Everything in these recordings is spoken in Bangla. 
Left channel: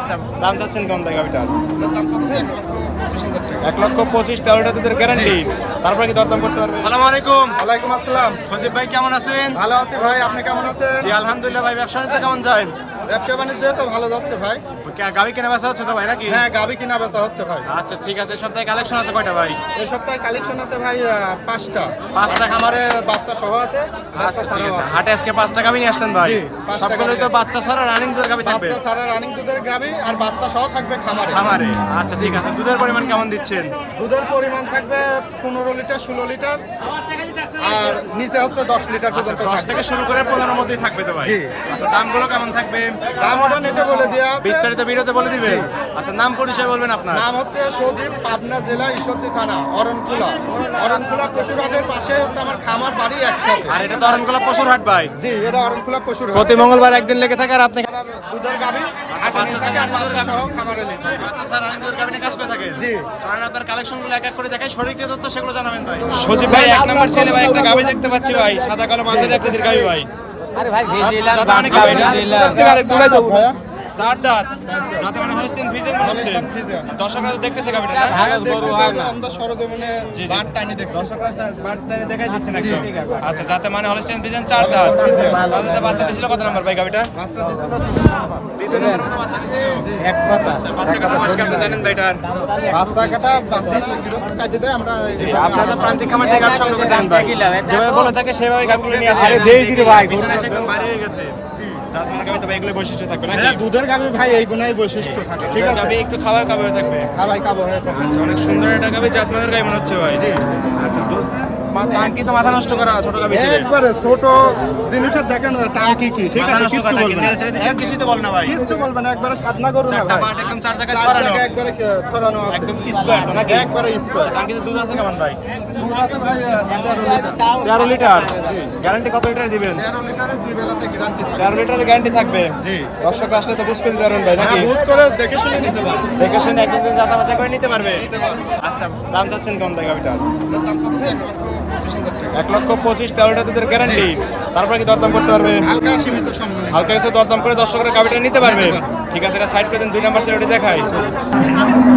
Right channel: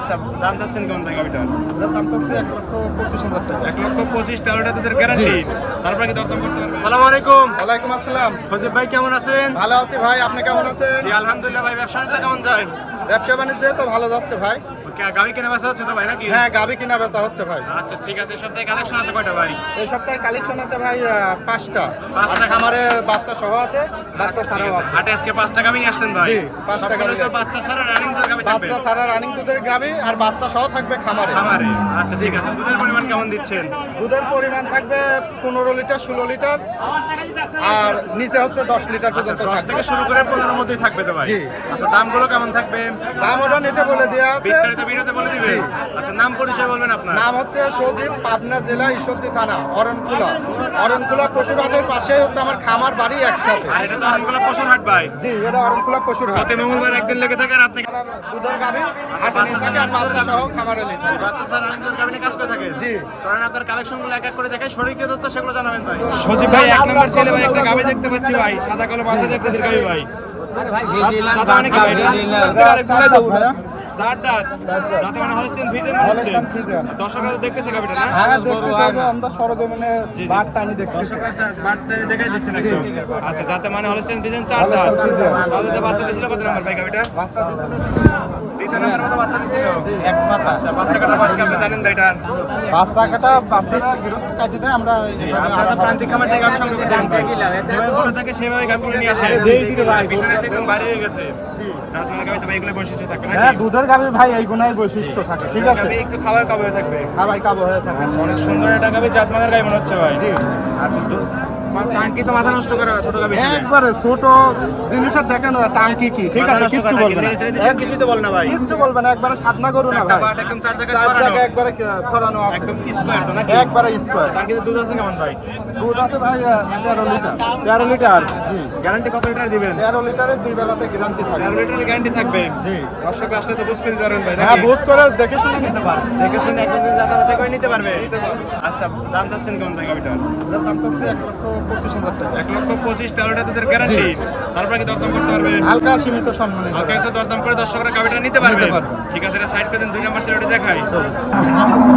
আচ্ছা দাম চাচ্ছেন কেমন ভাই গাবিটার? এটার দাম চাচ্ছি 1,25,000 টাকা। 1,25,000 13টা দুধের গ্যারান্টি। তারপরে কি দরদাম করতে পারবেন? আসসালামু আলাইকুম। ওয়ালাইকুম আসসালাম। সজীব ভাই কেমন আছেন? ভালো আছি ভাই, আপনি কেমন আছেন? জি আলহামদুলিল্লাহ ভাই। ব্যবসা বাণিজ্য কেমন যায়? ব্যবসা বাণিজ্য তো ভালো যাচ্ছে ভাই। গাবি কেনা বেচা হচ্ছে তো ভাই নাকি? হ্যাঁ, গাবি কিনা বেচা হচ্ছে ভাই। আচ্ছা ঠিক আছে। সপ্তাহে কালেকশন আছে কয়টা ভাই? এই সপ্তাহে কালেকশন আছে ভাই 5টা। 5টা খামারে বাচ্চা সহ আছে, বাচ্চা আচ্ছা, ছাড়াও ঠিক আছে। আছে। হাটে আজকে 5টা গাবি নিয়ে আসছেন ভাই? জি, 5টা সবগুলোই গাভী তো আছে। বাচ্চা ছাড়া রানিং দুধের গাবি থাকবে? বাচ্চা ছাড়া রানিং দুধের গাবি আর বাচ্চা সহ থাকবে খামারে। খামারে। আচ্ছা ঠিক আছে। দুধের পরিমাণ কেমন দিচ্ছেন? দুধের পরিমাণ থাকবে 15 লিটার 16 লিটার আর নিচে হচ্ছে 10 লিটার আচ্ছা পর্যন্ত 10 থেকে শুরু করে 15 মধ্যেই থাকবে তো ভাই? জি। আচ্ছা দামগুলো কেমন থাকবে? দাম ওটা নেটে বলে দেওয়া আছে। বিস্তারিত ভিডিওতে বলে দিবেন। জি। আচ্ছা নাম পরিচয় বলবেন আপনার? নাম হচ্ছে সজীব, পাবনা জেলা ঈশ্বরদী থানা অরণকুলা পশুরহাটের পাশেই হচ্ছে আমার খামার বাড়ি একসাথে। আর এটা তো অরণকুলা পশুর হাট ভাই? জি, এটা অরণকুলা পশুরহাট। প্রতি মঙ্গলবার একদিন লেগে থাকে আর আপনি আর দুধের গাবি হাটে বাচ্চা নিয়ে থাকে আর ছাড়া বাচ্চা দুধের সহ গাভী। খামারে নিয়ে থাকে। বাচ্চা স্যার রানিং দুধের গাবি নিয়ে কাজ করে থাকে? জি। চলেন আপনার কালেকশনগুলো এক এক করে দেখাই, সঠিক যে তথ্য সেগুলো জানাবেন ভাই। সজীব ভাই এক নাম্বার ছেলে ভাই একটা গাবি দেখতে পাচ্ছি ভাই, সাদা কালো মাঝের একদিনের গাবি ভাই। দাদা মানে কি ভাই এটা? ভাইয়া? চার দাঁত। যাতে মানে হলস্টিন ফ্রিজিয়ান মনে হচ্ছে। Holstein Friesian. দর্শকরা তো দেখতেছে গাবিটা না? হ্যাঁ, দেখতেছি আমরা সরজমিনে জি, জি। বাট টাইনি দেখতেছি। দর্শকরা বার্তা দেখাই দিচ্ছেন জি। একদম। আচ্ছা যাতে মানে হলস্টিন ফ্রিজিয়ান চার দাঁত। চার দাঁতে বাচ্চা দিছিল কত নাম্বার ভাই গাবিটা? বাচ্চা দিছিল দ্বিতীয় নাম্বারের মতো বাচ্চা দিছিল। আচ্ছা বাচ্চা কাটার বয়স কি আপনি জানেন ভাই এটার? বাচ্চারা গৃহস্থ কাটি দেয় আমরা আপনারা প্রান্তিক খামার থেকে গাবি সংগ্রহ করতে চান ভাই? যেভাবে বলে থাকে সেভাবে গাবিগুলো নিয়ে আসেন। পিছনে এসে একদম ভারী হয়ে গেছে। জাত মানে গাবি তো ভাই এগুলো বৈশিষ্ট্য থাকবে নাকি? হ্যাঁ, দুধের গাবি ভাই এই গুণাই বৈশিষ্ট্য থাকে, ঠিক আছে? গাবি একটু খাওয়া কাবে হয়ে থাকবে। হ্যাঁ ভাই, কাবো হয়ে থাকে। আচ্ছা অনেক সুন্দর একটা গাবি, জাত মানের গাবি মনে হচ্ছে ভাই। জি। আচ্ছা দুধ টাঙ্কি তো মাথা নষ্ট করা ছোট গাবি হিসেবে। একবারে ছোট জিনিসের দেখেন টাঙ্কি কি, ঠিক মাথা আছে? নষ্ট কিচ্ছু করা বলবে টাঙ্কি না। নেড়ে ছেড়ে দিচ্ছেন, কিছুই তো বলে না ভাই। কিচ্ছু বলবে না, একবারে সাধনা করু না চারটা ভাই। বাট একদম চার জায়গায় চার ছড়ানো। জায়গায় একবারে ছড়ানো আছে। একদম স্কোয়ার তো নাকি? একবারে স্কোয়ার। টাঙ্কিতে দুধ আছে কেমন ভাই? দুধ আছে ভাই 13 লিটার। 13 লিটার। জি। গ্যারান্টি কত লিটার দিবেন? 13 লিটারের 2 বেলাতে গ্যারান্টি থাকে। 13 লিটারের গ্যারান্টি থাকবে। জি। দর্শক আসলে তো বুঝ করে পারবেন ভাই হ্যাঁ, নাকি? বুঝ করে দেখে শুনে নিতে পারে। দেখে শুনে একদিন যাচাই বাছাই করে নিতে পারবে। নিতে পারবে। আচ্ছা দাম চাচ্ছেন কেমন ভাই গাবিটার? এটার দাম চাচ্ছি 1,25,000 টাকা। 1,25,000 13টা দুধের গ্যারান্টি। তারপরে কি দরদাম করতে পারবে? হালকা সীমিত সম্মানে। হালকা কিছু দরদাম করে দর্শকরা গাবিটা নিতে পারবে। নিতে পারবে। ঠিক আছে, এটা সাইড করে দেন। 2 নাম্বার সেল দেখাই।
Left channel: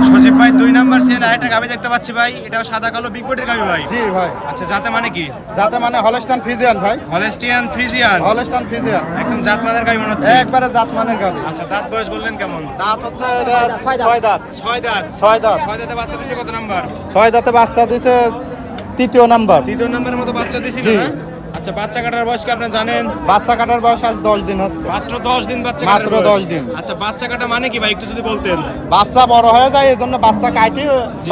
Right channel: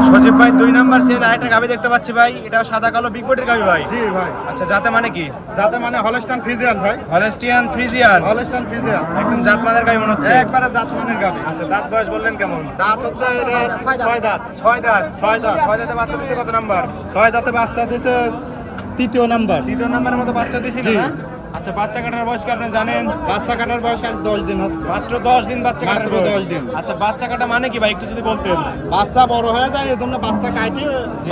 সজীব ভাই 2 নাম্বার সেল আরেকটা গাবি দেখতে পাচ্ছি ভাই, এটা সাদা কালো বিগ বডির গাবি ভাই। জি ভাই। আচ্ছা জাতে মানে কি? যাতে মানে হলস্টাইন ফ্রিজিয়ান ভাই। Holstein Friesian. Holstein Friesian. একদম জাত মানের গাবি মনে হচ্ছে। একবারে জাতমানের গাবি। আচ্ছা দাঁত বয়স বললেন কেমন? দাঁত হচ্ছে 6 দাঁত। 6 দাঁত। 6 দাঁত। 6 দাঁতে বাচ্চা দিছে কত নাম্বার? 6 দাঁতে বাচ্চা দিছে 3য় নাম্বার। 3 নাম্বারের মতো বাচ্চা দিছিল জি। না? আচ্ছা বাচ্চা কাটার বয়স কি আপনি জানেন? বাচ্চা কাটার বয়স আজ 10 দিন হচ্ছে। মাত্র 10 দিন বাচ্চা কাটার মাত্র বয়স। 10 দিন। আচ্ছা বাচ্চা কাটা মানে কি ভাই একটু যদি বলতেন? বাচ্চা বড় হয়ে যায়, এজন্য বাচ্চা কাটি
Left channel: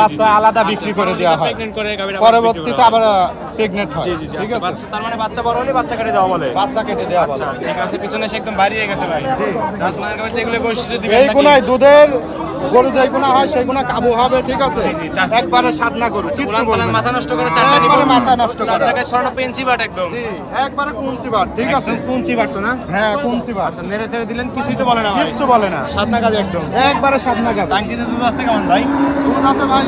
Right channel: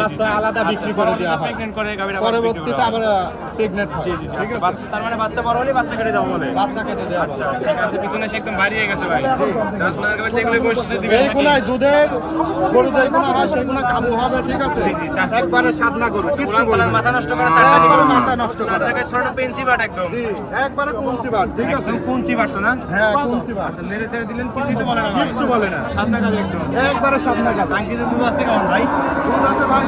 বাচ্চা আলাদা বিক্রি করে দেওয়া হয়। প্রেগন্যান্ট করে গাবিটা পরবর্তীতে আবার প্রেগন্যান্ট হয়। জি জি জি। ঠিক আচ্ছা আছে? বাচ্চা তার মানে বাচ্চা বড় হলে বাচ্চা কেটে দেওয়া বলে। বাচ্চা কেটে দেওয়া আচ্ছা হয়। ঠিক আছে, পিছনে সে একদম ভারী হয়ে গেছে ভাই। আপনার গাবিতে এগুলো বৈশিষ্ট্য দিবেন এই নাকি? গুণায় দুধের গরু যেই গুণা হয় সেই গুণা কাবু হবে, ঠিক আছে? জি, জি, চার- একবারে সাধনা গরু, কিচ্ছু উলান বলবে পালান না। মাথা নষ্ট করে চারটা নিব। একবারে মাথা নষ্ট চার করা। জায়গায় ছড়ানো পেন্সি বাট একদম। জি, একবারে কুঞ্চি বার, ঠিক আছে? একদম পুঞ্চি বাট তো না? হ্যাঁ, কুঞ্চি বার। আচ্ছা নেড়ে ছেড়ে দিলেন, কিছুই তো বলে না ভাই। কিচ্ছু বলে না। সাদনা গাবি একদম। একবারে সাধনা গাবি। টাঙ্কিতে দুধ আছে কেমন ভাই? দুধ আছে ভাই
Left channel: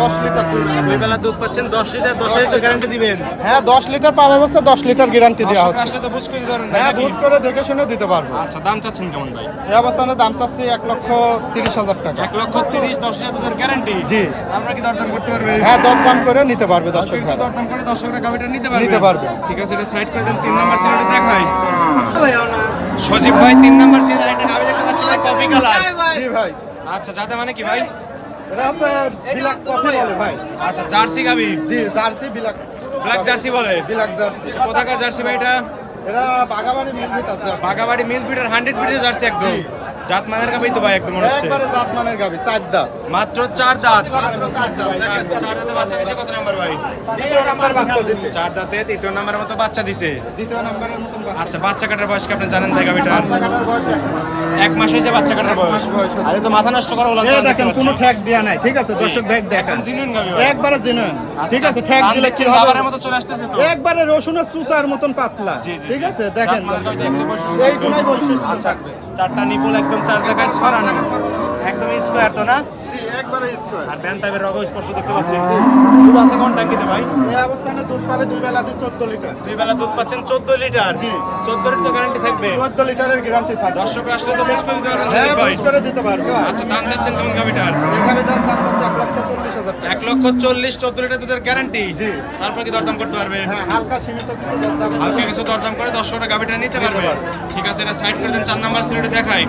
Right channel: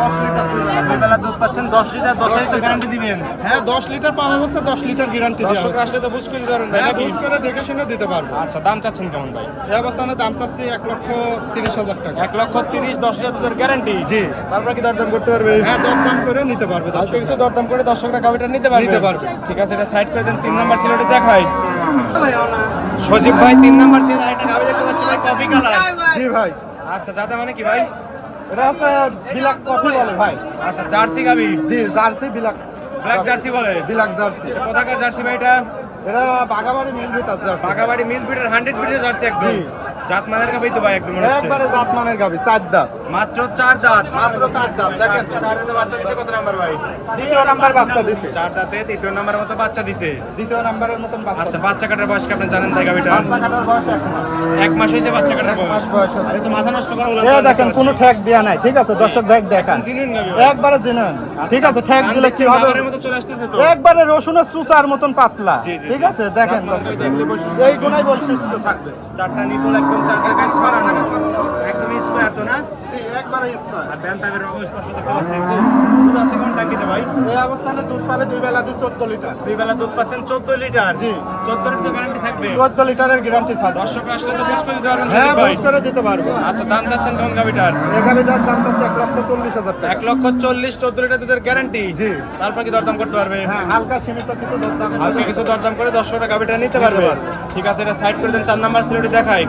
10 লিটার 2 বেলা। 2 বেলা দুধ পাচ্ছেন 10 লিটার, 10 তো গ্যারান্টি দিবেন। হ্যাঁ, 10 লিটার পাওয়া যাচ্ছে, 10 লিটার গ্যারান্টি দেওয়া দর্শক হবে। আসলে তো বুঝ করে দিতে পারবেন ভাই হ্যাঁ, নাকি? বুঝ করে দেখে শুনে দিতে পারবো। আচ্ছা দাম চাচ্ছেন কেমন ভাই? এই অবস্থানে দাম চাচ্ছি 1,30,000 টাকা। 1,30,000 10 লিটার দুধের গ্যারান্টি। জি। তারপরে কি দরদাম করতে পারবে? হ্যাঁ, দরদাম করে নিতে পারবে হালকা দর্শক। কিছু দরদাম করে দর্শকরা গাবিটা নিতে পারবে। নিতে পারবে। ঠিক আছে, এটা সাইড করে দেন। 3 নাম্বার সিলেটে দেখাই। সজীব ভাই 3 নাম্বার সিলেট আরেকটা গাবি দেখতে পাচ্ছি ভাই, কফি কালার। জি ভাই। আচ্ছা যাতে মানে কি ভাই? এটা হচ্ছে বিলাক কফি বলে ভাই। আচ্ছা জার্সি গাবি, জি, জার্সি বিলাক ব্ল্যাক জার্সি বলে। বিলাক জার্সি। আচ্ছা কোথাকার জার্সি ভাই এটা? এটা বাগাবাড়ি মিলবিটার জার্সি। বাগাবাড়ি মিল ফিটার 100 ফিটের জার্সি একদম। জি। জাত মানের গাবি তো ভাই একদম মনে হচ্ছে। একবারে জাতমানের গাবি, 4 দাঁত। মাত্র 4 দাঁত। মাত্র 4 দাঁত, দেখেন। 4 দাঁতে বাচ্চা দিছে কত নাম্বার ভাই? 2য় নাম্বার বাচ্চা দিছে। 4 দাঁতে 3 নাম্বারের মতো বাচ্চা দিছে। 2য় নাম্বারের মতন বাচ্চা। আচ্ছা বাচ্চা কাটার বয়স কি আপনি জানেন ভাই গাবিটা? বাচ্চা কাটার বয়স 1 মাস হয়েছে বাচ্চা কাটার এক মাস বয়স। বয়স। আরে তো মাথা নষ্ট করা হলো। এই দেখেন কোনো ঠ্যাগ দেয়া নাই, ঠিক আছে? দর্শক ব্যাগ দেখান। জিনুইন গাবি ভাই। একবারে জেনুইন, ঠিক আছে? ঠ্যাগ দিলে কি হবে? খাবারের মতো চলে আসতেছে তো। একবারে রসুনের চুচার মতন পাতলা, জি, জি, ঠিক জি। আছে? দেখেন দেখলে বৈশিষ্ট্য এই গুণাই বৈশিষ্ট্য আচ্ছা থাকবে। 4টা নিপল একদম 4 জায়গায় ছড়ানো। ছড়ানো আছে। একদম স্কয়ার তো না? জি একবারে স্কয়ার। আর ব্যান টাইপের রকম স্পষ্ট দেখতে পাচ্ছি। দুধ আছে কোন ট্যাঙ্কিতে ভাই? এই অবস্থানে দুধ পাবে দুই বেলাতে 14 লিটার। দুই বেলা দুধ পাচ্ছেন 14 লিটার। জি। 14 লিটার গ্যারান্টি থাকবে। 14 লিটারের গ্যারান্টি থাকবে। দর্শক আসলে তো বুঝ করে দিতে পারবেন হ্যাঁ, সজীব ভাই। বুঝ করে দিতে পারবো। আচ্ছা দাম চাচ্ছেন কেমন গাবিটার? এই গাভিটার দাম হচ্ছে 1,40,000 টাকা। 1,40,000 14 লিটার দুধের গ্যারান্টি। জি। তারপর কি দরদাম করতে পারবে? হ্যাঁ, হালকা সীমিত কিছু দরদাম। হালকা কিছু দরদাম করে দর্শকরা গাবিটা নিতে পারবে। ঠিক আছে, এটা সাইড করে দেন। 4 নাম্বার সিলেটি দেখাই।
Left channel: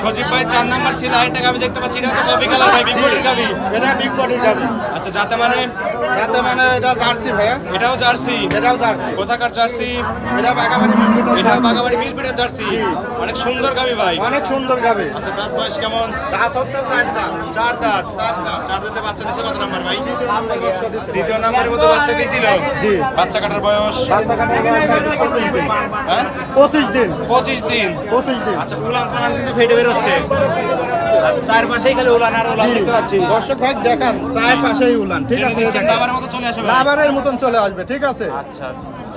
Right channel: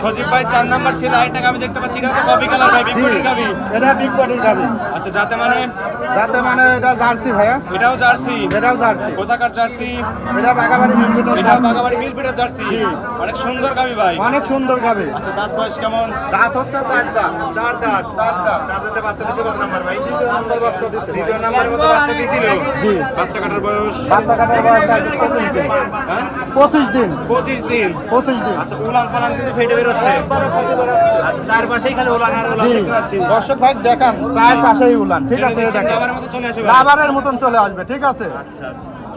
সজীব ভাই 4 নাম্বার সিল আরেকটা গাবি দেখতে পাচ্ছি। এটা তো কপি কালার ভাই, বিগবডির গাবি। এটা বিগ বডির গাভি। আচ্ছা যাতে মানে যাতে মানে এটা জার্সি ভাইয়া। এটাও জার্সি। এটাও জার্সি। কোথাকার জার্সি? এটা বাগাবাড়ি মিলপিটের এটাও বাগাবাড়ি মিলপিটের জার্সি। অনেক সুন্দর গাবি ভাই। অনেক সুন্দর গাভি। আচ্ছা দাঁত বয়স কেমন? দাঁত হচ্ছে 4 দাঁত। 4 দাঁত। 4 দাঁত। 4 দাঁতে বাচ্চা দিছে কত নাম্বার ভাই? 2 নম্বর বাচ্চা দিছে। দ্বিতীয় নাম্বারের মতো বাচ্চা দিছিল। জি। বাচ্চা কাটার বয়স বাচ্চা কাটার বয়স 25 দিন। হ্যাঁ 25 দিন। 25 দিন। 25 দিন। আচ্ছা উলান পালান কিন্তু ফেটে বের হচ্ছে। আর চারপাশেই খালি উলান আর উলান দেখতে পাচ্ছি। দর্শক ভাই দেখেন চার পাশেই উলান, ঠিক আছে? এই দেখেন। আমার মতো চলে আসবে ভাই। রাবারের মতন চলে আসবে, ঠিক আছে? আচ্ছা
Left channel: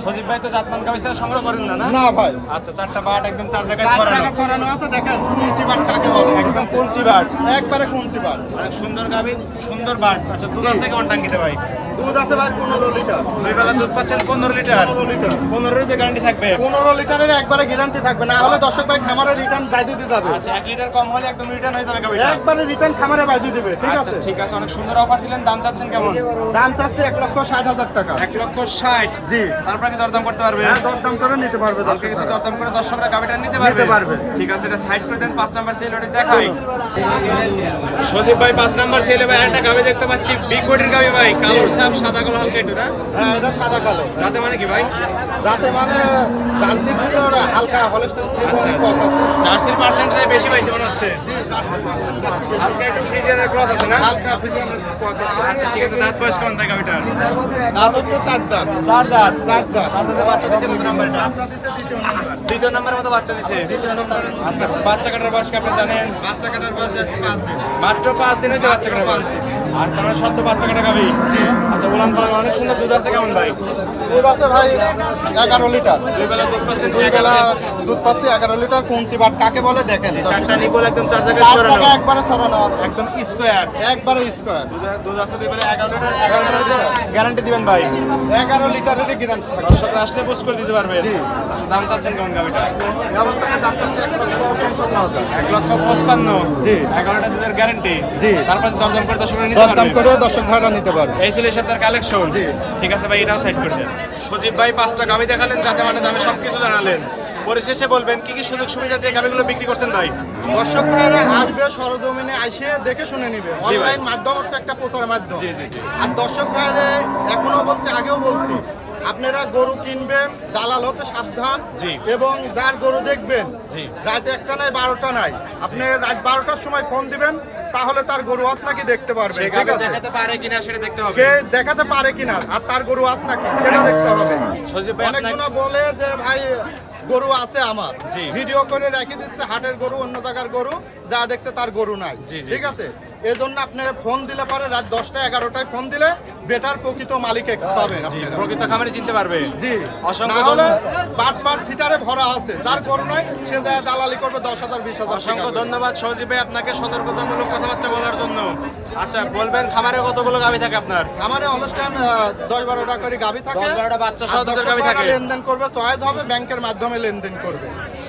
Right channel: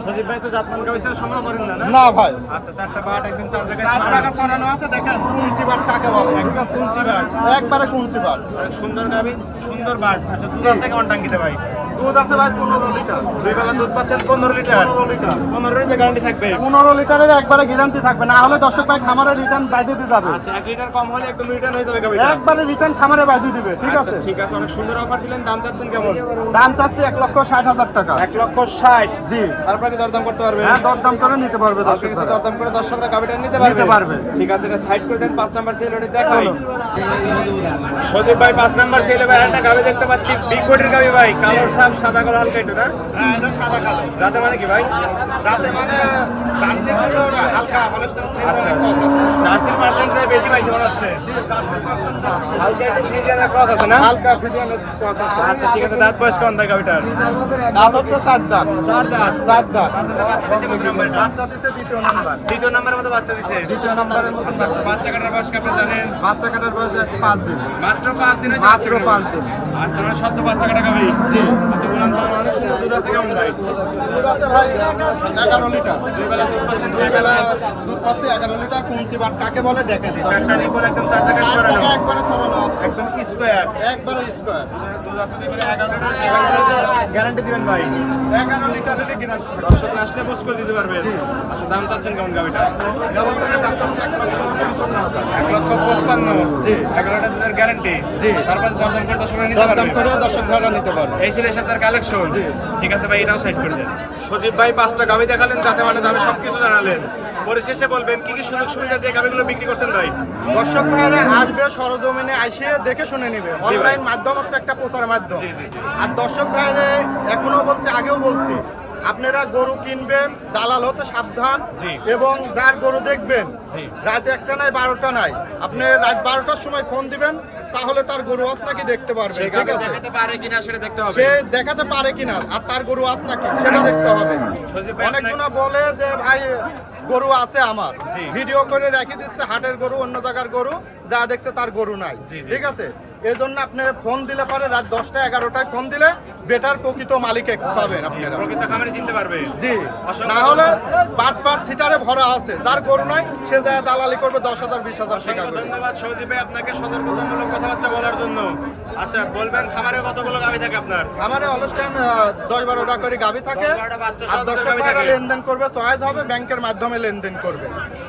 সজীব ভাই তো জাতমান গাবি ছাড়া সংগ্রহ করেন না না? না ভাই, আচ্ছা 4টা বাট একদম 4 জায়গায় চার ছড়ানো। টাকা ছড়ানো আছে। দেখেন কুঞ্চি বাট কাকে বলে, একদম কুঞ্চি বাট। একবারে কুঞ্চি বাট। অনেক সুন্দর গাবি, সুন্দর বাট। আচ্ছা দুধ আছে কেমন টাঙ্কিতে ভাই? দুধ আছে ভাই 15 লিটার। দুই বেলা দুধ পাচ্ছেন 15 লিটার। 15 লিটার। 15 লিটার গ্যারান্টি থাকবে। 15 লিটারের একবারে গ্যারান্টি থাকবে, না হলে দর্শক ভাই খামারে রিটার্ন বাইরে দিয়ে যাবে। আচ্ছা 1 লিটার কম হলে একদম রিটার্ন হয়ে যাবে গাবিটা। একবারে রিটার্ন খামারে বাইরে দিবে, ঠিক আচ্ছা আছে? ঠিক আছে, অনেক সুন্দর অফার দিলেন। দাম চাচ্ছেন কেমন? দাম চাচ্ছে 1,60,000 টাকা। 1,60,000। জি। তারপরে কি দরদাম করতে পারবে? হ্যাঁ, দরদাম করে নিতে পারবে হালকা দর্শক কিছু ভাই। দরদাম করে দর্শকরা গাবিটা নিতে পারবে। নিতে পারবে। ঠিক আছে, এটা সাইড করে দেন। 5 নাম্বার সেল ওটা দেখাই। সজীব ভাই 5 নাম্বার সেলে ভাই একটা গাবি দেখতে পাচ্ছি, বিগ বডির গাবি ভাই, কালোর ছাপ, সাদা কালো হালকা একটু না? হ্যাঁ, এটা সাদা কালো। যাতে মানে কি ভাই? যাতে মানে জার্সি থেকে ওরা হালকা হলস্টাইন আচ্ছা ক্রস আছে। জার্সির পার্সেন্টেজ বেশি পাইছে মনে হচ্ছে। জি, জার্সি পার্সেন্ট আছে। হালকা একটু ফ্রিজিয়ানের ক্রস আছে না? হালকা ফ্রিজিয়ানের ক্রস আছে। আচ্ছা ঠিক আছে, দাঁত বয়স কেমন থাকে গাবিটার? দাঁত হচ্ছে 4 দাঁত। 4 দাঁত। 4 দাঁত। 4 দাঁতে বাচ্চা দিছে কত নাম্বার এটা? বাচ্চা দিছে দ্বিতীয় নাম্বার। দ্বিতীয় নাম্বারের মতো বাচ্চা দিছে। দ্বিতীয় নাম্বারের মধ্যে আচ্ছা বাচ্চা কাটার বয়স কি আপনি জানেন? বাচ্চা কাটার বয়স 5 দিন। মাত্র 5 দিন হয়েছে বাচ্চা মাত্র কাটার। 5 দিন। আজ তোমার সদ্য বাচ্চা কাটা গাবি। জি। আচ্ছা বলান বলান অনেক সুন্দর দুধ আছে কেমন ভাই? দুধ আছে ভাই 11 লিটার। দুই বেলা দুধ পাচ্ছেন দুই 11 বেলা দুধ পাচ্ছে 11 লিটার। কুঞ্চি বাট কাকে বলে দেখেন। চারটা নিবল একদম 4 জায়গায় 4 ছড়ানো। টাকা একবারে ছড়ানো আছে। একদম স্কয়ার। একবারে স্কয়ার। দুধ আছে দুই বেলা 11 লিটার। 11 লিটার তো গ্যারান্টি দিবেন ভাই। 11 লিটারেরই গ্যারান্টি। দর্শকরা আসলে বুঝ করে দিতে পারবে। জি। আচ্ছা দাম চাচ্ছেন কেমন গাবিটা? ব্যবস্থাটা দাম হচ্ছে 1,55,000। 1,55,000। জি। 11 লিটার দুধের গ্যারান্টি। জি। তারপর দরদাম করে দর্শকরা নিতে দরদাম পারবে। করে দর্শক ভাইরা নিতে পারবে। এই ছিল সাথে কালেকশন। জি। ঠিক আছে ভাই, এটাও সাইড করে দেন। সজীব ভাই 5টা গাবি দেখালেন, যাতে মানে দামে সবকিছু জানালেন। পরিশেষে বলবেন কি কি সুযোগ সুবিধা দিয়ে গাবিগুলো বিক্রি করছেন ভাই? দর্শক ভাইরা আসবে সরজমিনে আইসে দেখে শুনে নিবে। জি ভাই। অনলাইন মাধ্যম হচ্ছে একটা প্রচার মাধ্যম। জি জি জি। আর দর্শক ভাইরা এখনো বলছে, আগেও বলছি, আপনারা গরু কিনবেন দালাল হতে সাবধান। জি। এবং যার গরু দেখবেন জি। রাতে 1টা নাই 12টা নাই, আপনি রাত 12টার সময় ফোন দিবেন, তাহলে তার গরু আস নাকি দেখতে পারবেন, সে ঠিক গাবি আছে? দেখাতে পারে কিনা সেটা দেখতে হবে। সে দেখাতে পারে কিনা আর তার গরু আস নাকি সেটা দেখতে হবে। সজীব ভাই অনেকজনা বলে যে ভাই গরু আছে আমার, জি। ভিডিও করে রেখে দিচ্ছে হাটের গরু, অন্য জায়গার গরু, যা দেখছে তার গরু নাই, জি, জি। ঠিক আছে? এই জন্য আপনি ফোন দিলে পারে রাত 10টা 11টায় ফোন দিলে বেটার প্রকৃত মালিক পাবেন আপনারা। প্রকৃত খামারে চিনতে পারবে। জি, অসংখ্য না হলে বাটপার সিটারে ভরা আছে, যার গরু নাই সে যায় দালালি করবে 10,000 20,000 টাকা অসংখ্য করে। ধন্যবাদ সজীব ভাই আপনাকে সতর্কতামূলক কথাবার্তা বলার জন্য। আচ্ছা বলবেন খামারে কতগুলো গাবি থাকে আপনার? আমারে অলস টাইম 10-12টা করে গাবি থাকে। 10-12টা বাচ্চা আর সহ দুধের দর্শক গাভী ভাইরা থাকে। লেনদেন করবে, চয়েস হবে ব্যাংকের মাধ্যমে লেনদেন করবে।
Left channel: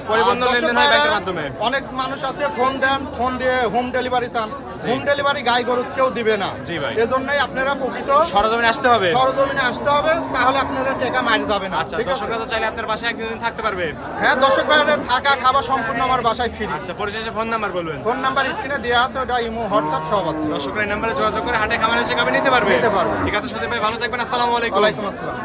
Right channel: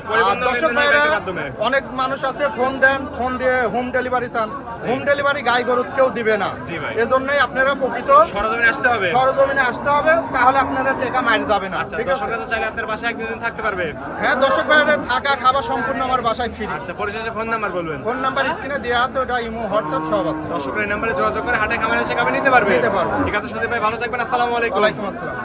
পরিবহন আর দর্শক লেনদেন হয় ভাইরা, ব্যাংকের মাধ্যমে। অনেক মানুষ আছে ফোন দেন, ফোন দিয়ে হোম ডেলিভারি চান। হোম ডেলিভারি গাই গরু কেউ দিবে না। জি ভাই। এজন্যই আপনারা প্রকৃত সরজমিনে আসতে হবে। সরজমিনে আসতে হবে, তাহলে আপনারা টাকা মার যাবে না, আচ্ছা ঠিক আছে? দর্শকরা তো চাইলে আপনার বাসায় একদিন থাকতে পারবে। হ্যাঁ, দর্শক ভাইরা থাকা খাওয়া সম্পূর্ণ আমার বাসায় ফ্রি। আচ্ছা পরিশেষে ফোন নাম্বার বলবেন। ফোন নাম্বার স্ক্রিনে দেওয়া আছে, ওটা ইমো হোয়াটসঅ্যাপ সব আছে। দর্শকরা এই নাম্বারে যোগাযোগ করে হাটে খামারে এসে গাবি নিতে পারবে। নিতে পারবে। ঠিক আছে সজীব ভাই, ভালো থাকবেন। আসসালামু আলাইকুম। ওয়ালাইকুম আসসালাম।